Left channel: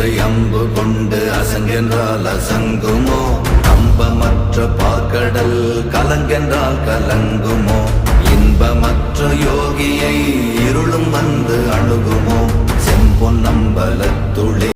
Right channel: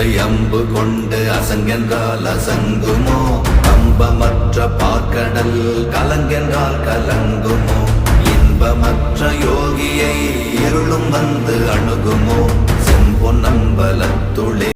கொண்டு அம்பு கொண்டு அசங்கென்றால் அசங்குமோ? கம்பமற்ற பார்க்கடல் கலங்கென்றால் கலங்குமோ? இன்பமற்ற யோகியை இருளும் வந்து அணுகுமோ? செம்பொன்னம்பலத்துளே